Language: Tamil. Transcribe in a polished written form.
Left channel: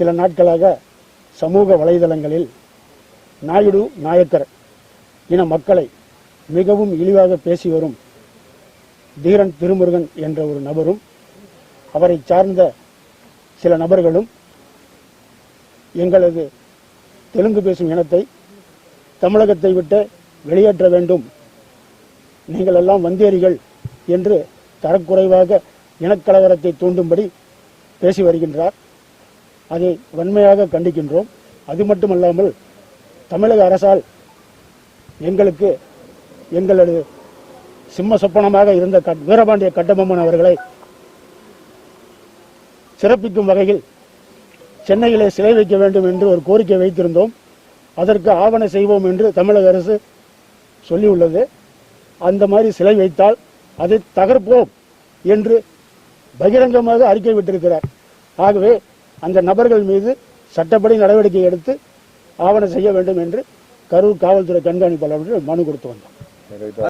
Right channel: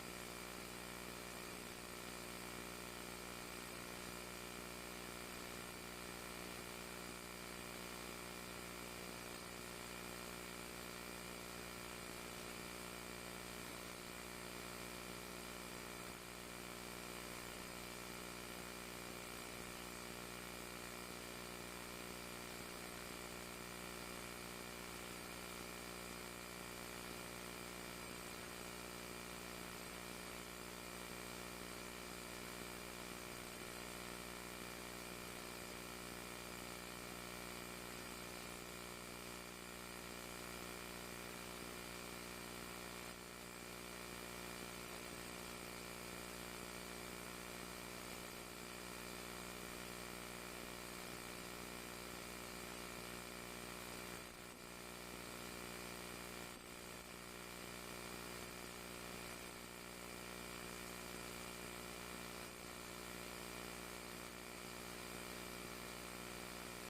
சில நாட்களாக சமூக வலைதளங்களில் நாயுடு நாயக்கர் இன மக்களை மிகவும் இழிவாக பேசி வரும் தீரன் திருமுருகன் என்ற ஒரு நபரும் அவரை சார்ந்த சில நபர்களும் எங்களது தெலுங்கு பேசும் இனத்தை தமிழகத்தை விட்டு வெளியேற்ற வேண்டும், நீங்கள் எல்லாம் வந்தேரிகள் என்று தரக்குறைவாக இனக்கலவரத்தை தூண்டும்படி பேசி வருகின்றார். அதை வன்மையாக கண்டிக்கின்றோம். அது மட்டுமல்லாமல் தமிழக அரசால் எங்களது சிம்ம சொப்பனமாக இருந்த வீரபாண்டிய கட்டபொம்மன் அவர்களை சிறப்பிக்கும் வகையில் சென்னையிலே சிலை வைக்க வேண்டும் என்று ஒரு கோரிக்கை வைத்திருந்தோம். அதற்கு ஆவண செய்வோம் என்று தமிழக அரசு சொல்லியுள்ளது. அந்த மாதிரி சிலை வைத்தால் அதை தகர்ப்போம் என்று பகிரங்கமாக அறிக்கை விட்டிருக்கிறார். ஆகவே அந்த நபர்கள் மீது சட்டப்படி நடவடிக்கை எடுத்து ஆவணம் செய்ய வேண்டும் என்று கரூர் காவல்துறை கண்காணிப்பாளர்கள் மனு கொடுத்து வந்தார்.